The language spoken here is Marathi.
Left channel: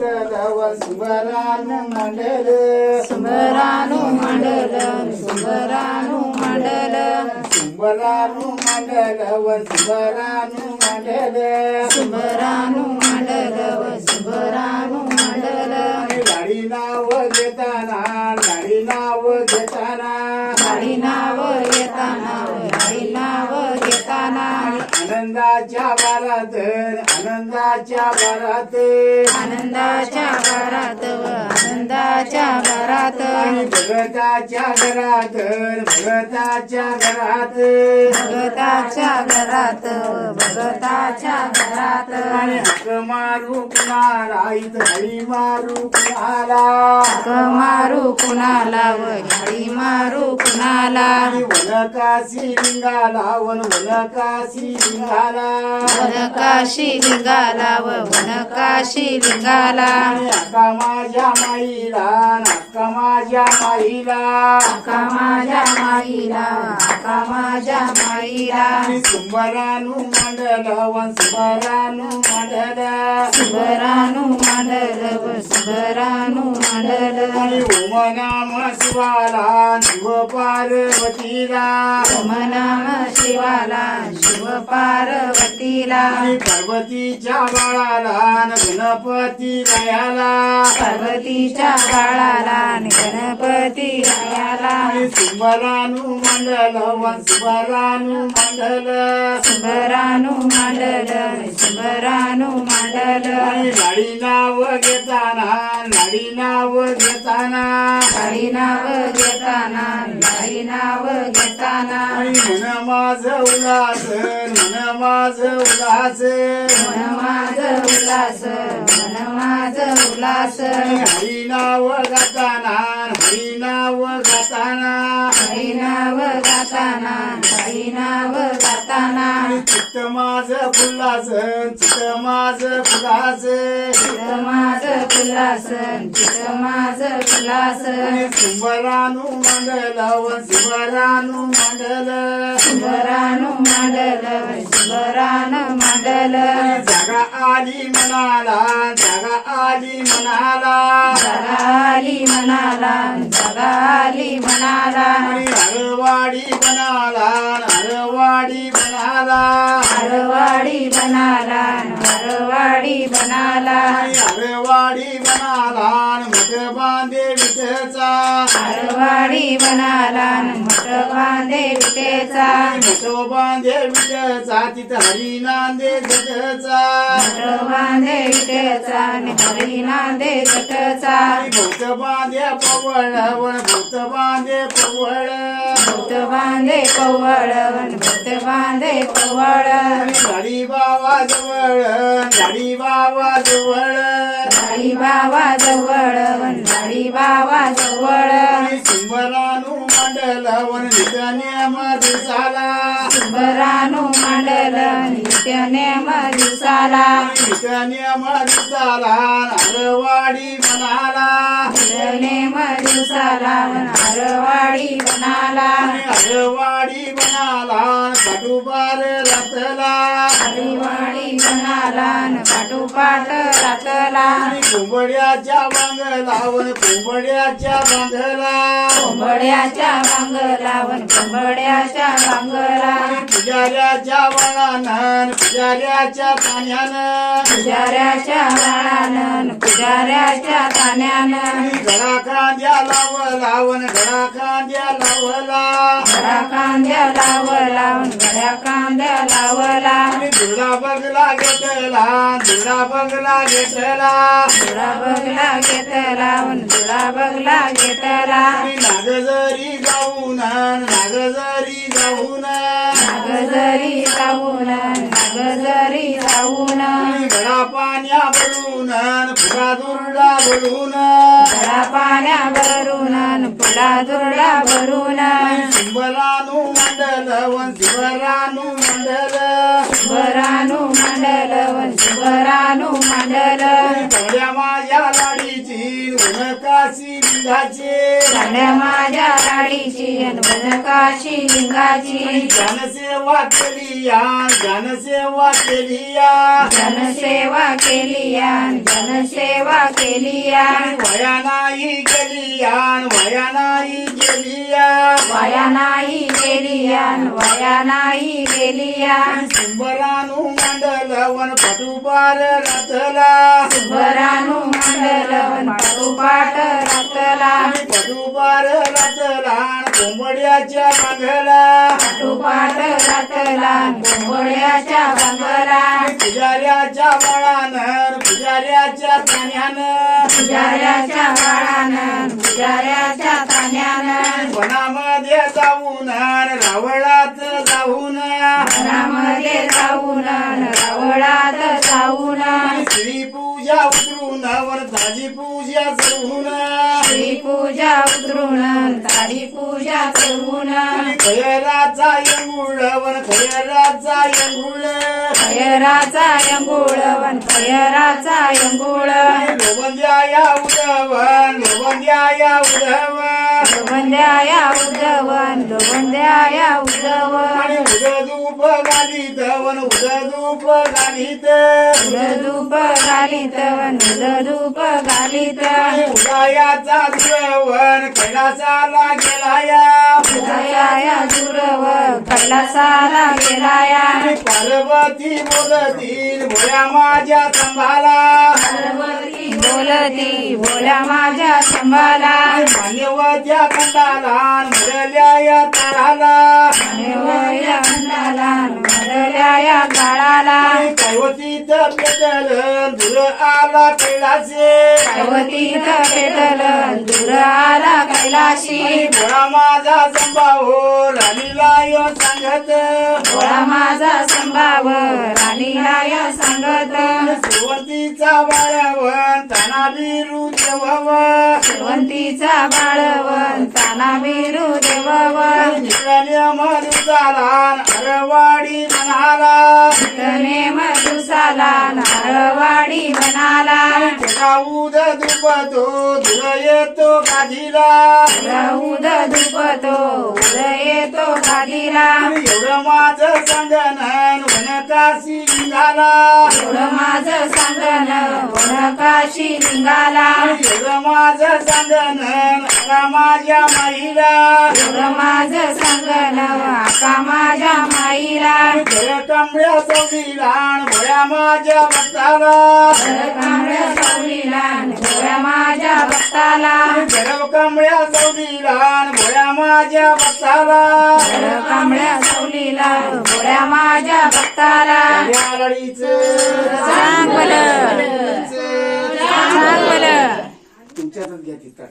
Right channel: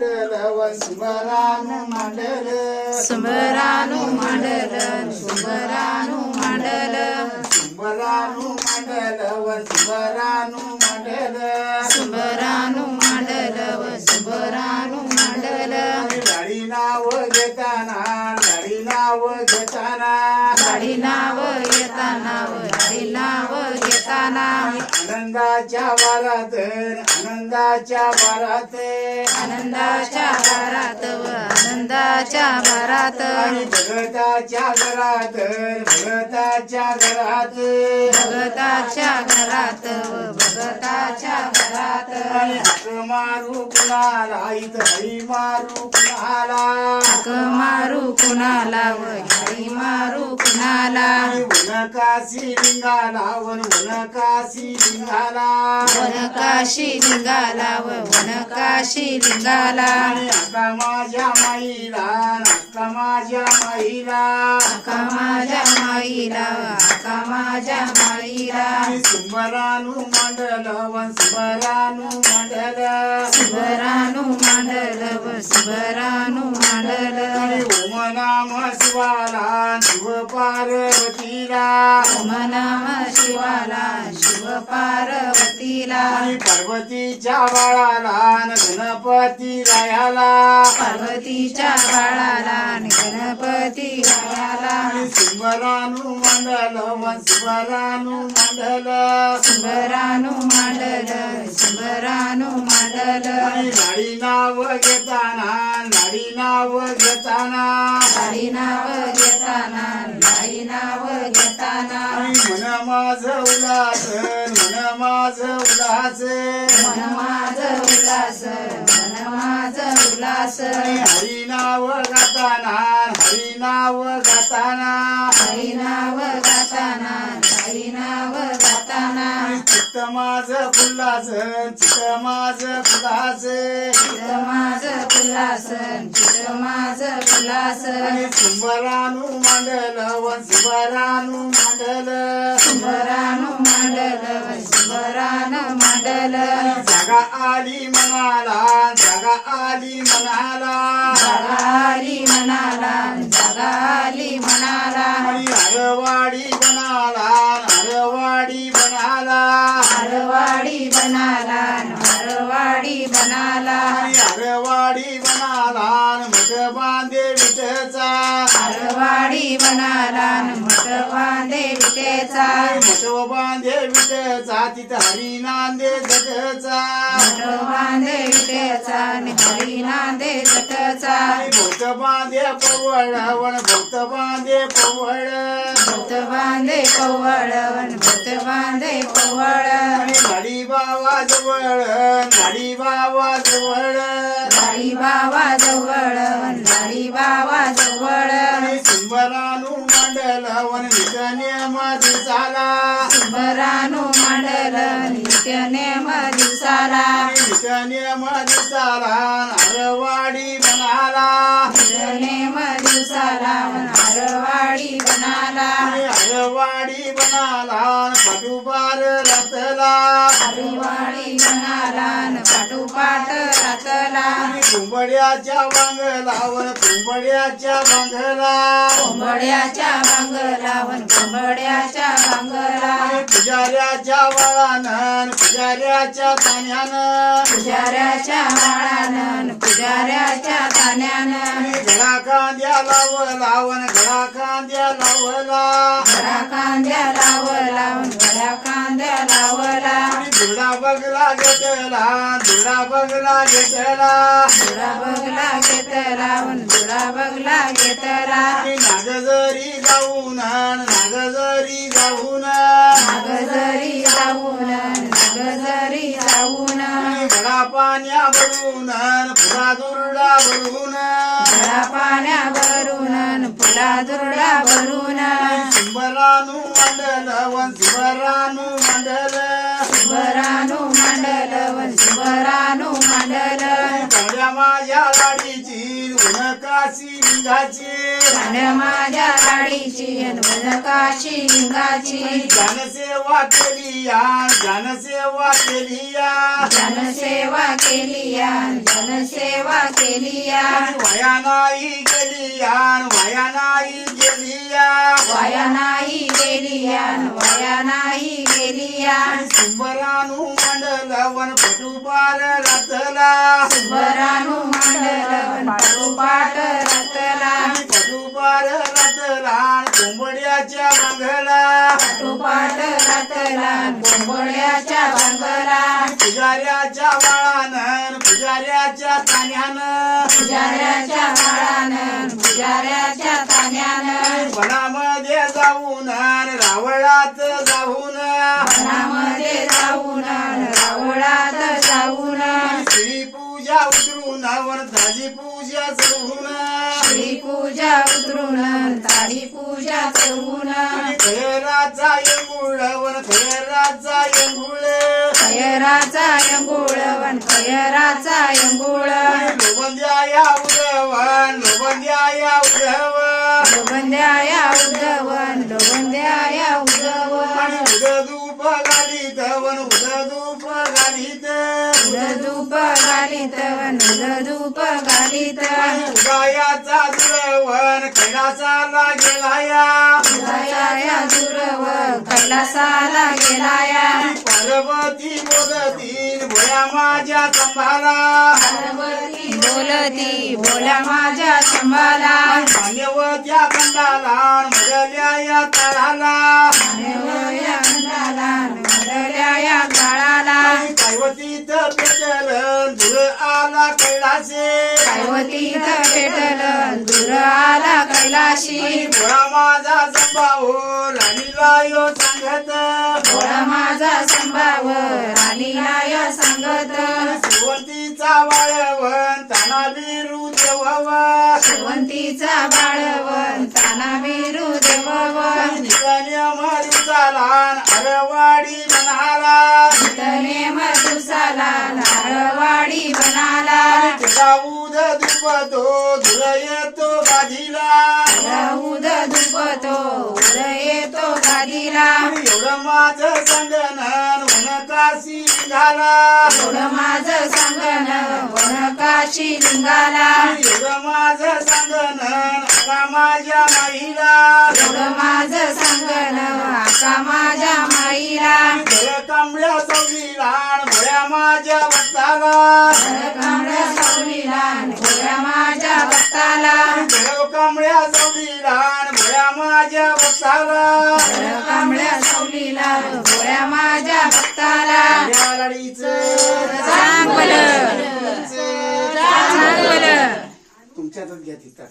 సుమరాను మండల సుమరాను మండల సుమరాను మండల సుమరాను మండల సుమరాను आनंदाच्या वरात आनंदाच्या आनंदाच्या आणि भगताच्या घरात भगताच्या घरात. भगताच्या घरात भगताच्या घरात. आणि हक मारू कुणाला इथं हरी मारू कुणाला. हक मारू कुणाला हरी मारू कुणाला. वनकाशी लिंगाला वन वनकाशी लिंगाला. वनकाशी लिंगाला वनकाशी लिंगाला. माझ्या माईला अक्का माझ्या माईला? आका माझ्या माईला? आका माझ्या माईला? सुंबरानु मंडल वन सुंबरानु मंडल. सुबरानु मंडल व सुबरानु मंडल. आणि ओम नाम शिवाला शिव पार्वतीला. ओम नाम शिवाला शिव पार्वतीला. आणि पार्वतीच्या बाळाला गणपती रायाला पार्वतीच्या बाळाला गणपती रायाला आणि सुंबरानु मंडल वन सुंबरानु मंडल सुबरानु मंडल लाडी नाव घेताना लाडी नाव घेताना. गाडी नाव घेताना गाडी नाव घेताना. मन माझ उल्हास मन माझ उल्हास. मन माझ उल्हास मन माझ उल्हास. आणि हरी नाव गाताना नाव गाताना. हरी नाव गाताना हरी नाव गाताना. चित्त माझ फुल्लास चित्त माझ फुलास चित माझ उल्हास चित माझ आणि सुंबरानु मंडल वन सुंबरानु मंडल. सुबरानु मंडल सुबरानु मंडल. जागा आली मनाला जागा आली मनाला. जगाली मनाला मनाला आणि हरवाडी बनाला हरवाडी बनाला हरवाडी बनाला हरवाडी बनाला आणि हरवाडी बनाला मठ बांधे विठचा हरवाडी बांधे विटेचा मठ बांधे विठचा तिथं हरी नांदे जगचा. विटेचा आणि हरी नांदे आणि भोत बांधे पवळ वण भोत बांधे पवळ. भूत बांधे कवळ भूत बांधे आणि गाडी बाबा जवळ गाडी बाबा जवळ. गाडी बाबा जवळ हरवाडी म्हणाला. नित्यने दिसाला हरवाडी बनाला हरवाडी बनाला पाठुबार रथला हरवाडी बनाला पाठोपाठ आणि कुंबड्याच्या बांगला वन कुंबड्याच्या बांगला. कोंबड्याच्या बांगलावन कोंबड्याच्या बांगला. पुजाऱ्याच्या वळानं पुजाऱ्याच्या तान्यानं. पुजाऱ्याच्या बाळानं पुजाऱ्याच्या तान्यानं. घडा कांद्या लावला वन घडा कांद्या लावला घडा कांद्या लावला. घडा कांद्या लावला दुर्डा बगला घेतला दुर्डा बगला घेतला. दुरा बगला घेतला दुरा बगला घेतला. आणि नागजरी जाऊन नागजरी जाऊन पाण्या भरून फुला दुर्डा भरून पाण्या भरून फुला दुर्डा भरून शिंबरानु मंडल वन शिवरानु मंडल. सुंबरानू मांडल सुंबरानू मांडल. कवड्या माझ्या लाडीची काशी लिंगाचे. झाल्या माझ्या लाडीची काशी लिंगाची. जनसेवा केली या जनसेवा केली या. जनसेवा केली या जनसेवा केली या. वया नाही गेली या वया नाही गेली या. वाया नाही गेली या वाया नाही गेली या सुंबरानू मंडल वन पटुबार रथला सुंबरानू मांडल पाठोपाठ रतला पटुबार रथला कोंबड्याच्या मागला पाठोपाठ रतला गोंबळ्याच्या बांधला पुजाऱ्याच्या बाळानं पुजाऱ्याच्या तान्यानं. पुजाऱ्याच्या बाळानं पुजाऱ्याच्या तान्यानं. वनामध्ये जाऊन रावळात जाऊन. वनामध्ये जाऊन रावळात जाऊन. श्री पूजा उतरून वर ताजी पूजा चढवून श्री पूजा उतरून ताडी पूजा करून खैराचा येंगुळ वन खैराचा येंगुळ खयराचा यंगुळ वन खयराचा यंगुळ लोबंद्या या उदवन लोबंद्या या उदवन लोबंद्याया उद्धवन लोबंद्याया उद्धवन आणि उद धूप घालीत वन उद धूप घालीत. धूप घालीत वन धूप घालीत. उदयाचा दुरवन कैलासाला गेलाया उदयाया दुरव कैलासाला गेलाया पार्वती बोलतील भोळ्या माझ्या संभाला. पार्वती बोलती बोला माझ्या संभाला. मान्यवत्या खंडाला मुरल्या या तळाला मानवया खंडाला मदल्याया काळाला पार्वतीत पेटल दूर आला कैलासे पार्वतीत पेटल दूर आला कैलाशी. भोळा माझा संभाव राणीला यो सांगत. बोला माझा संभाव राणीलाय सांगत. सुवंतीचा देवाव शेवंतीचा बाळवन ताना बिरू देववन मरुचाला अरवाडी म्हणाला तने मधुसाला नारवाडी बनाला. गाऊद दुपतो धुर येतो गाधीला राऊद धुपतो उदय तो गादीला. एवढं माझं संगणन काशी झाला. एवढं माझं सांगण वनकाशी लिंगाला एवढं माझं संगणन अगा माझ्या महिला एवढं माझं सांगण आका माझ्या माईला. जय चौलीला भोळ्या माझ्या भक्ताला कांबळ्या डोळ्या माझ्या भक्ताला जरब कमळ्या चौलीला भोळ्या माझ्या भक्ताला. कांबळ्या सावलीला डोळ्या माझ्या भक्ताला. चांगलं चांगलं तुमच्यातच घ्या तिथं.